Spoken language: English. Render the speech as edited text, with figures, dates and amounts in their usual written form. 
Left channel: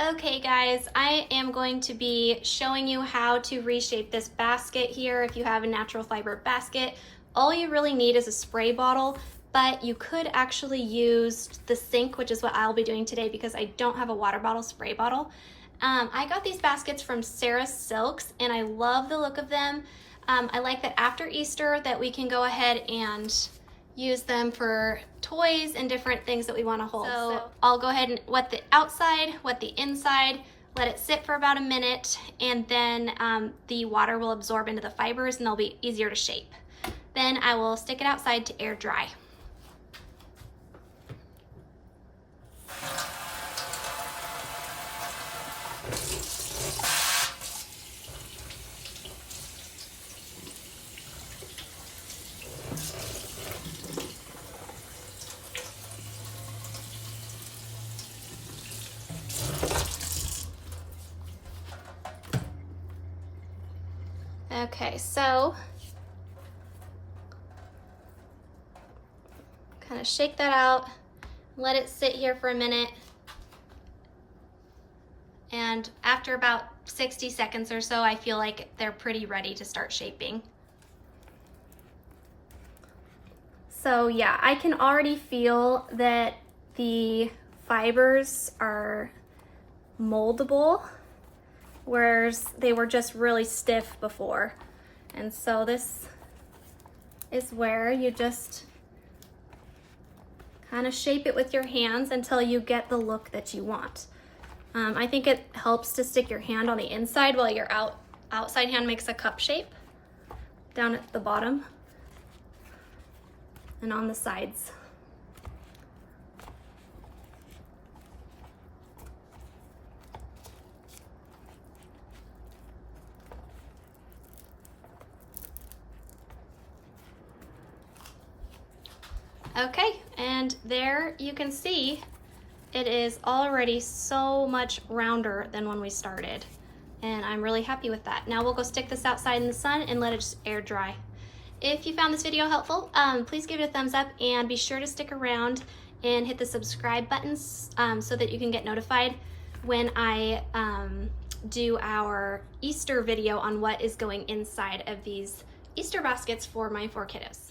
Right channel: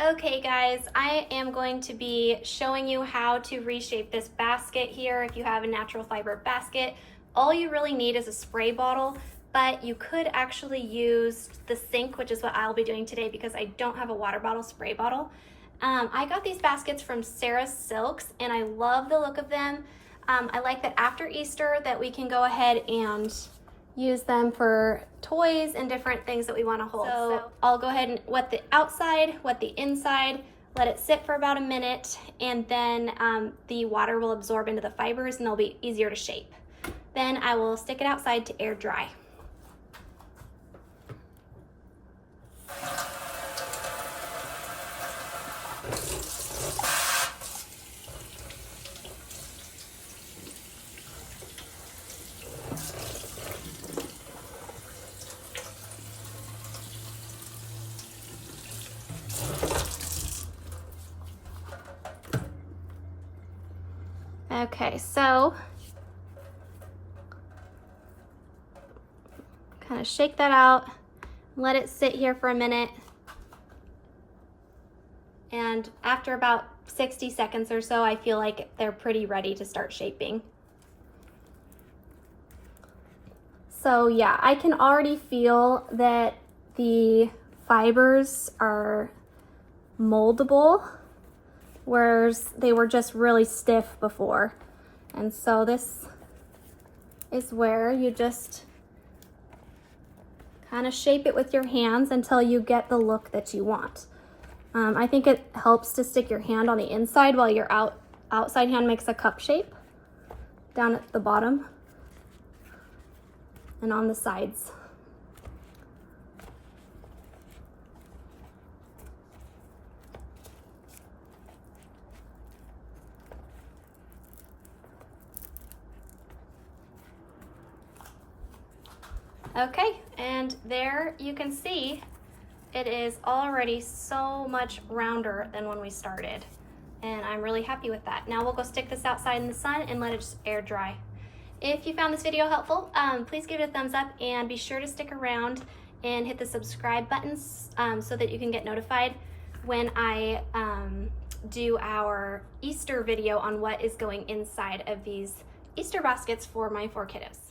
Okay guys, I am going to be showing you how to reshape this basket here. If you have a natural fiber basket, all you really need is a spray bottle, but you could actually use the sink, which is what I'll be doing today because I don't have a water bottle spray bottle. I got these baskets from Sarah's Silks and I love the look of them. I like that after Easter that we can go ahead and use them for toys and different things that we want to hold. So I'll go ahead and wet the outside, wet the inside, let it sit for about a minute, and then the water will absorb into the fibers and they'll be easier to shape. Then I will stick it outside to air dry. Okay, so kind of shake that out, let it sit here for a minute, and after about 60 seconds or so, I feel like they're pretty ready to start shaping. So yeah, I can already feel that the fibers are moldable, whereas they were just really stiff before. And so this is where you just kind of shape it with your hands until you get the look that you want. I think it helps to stick your hand on the inside while your outside hand makes a cup shape down at the bottom and on the sides. Okay, and there you can see it is already so much rounder than when we started, and I'm really happy with that. Now we'll go stick this outside in the sun and let it just air dry. If you found this video helpful, please give it a thumbs up and be sure to stick around and hit the subscribe buttons so that you can get notified when I do our Easter video on what is going inside of these Easter baskets for my 4 kiddos.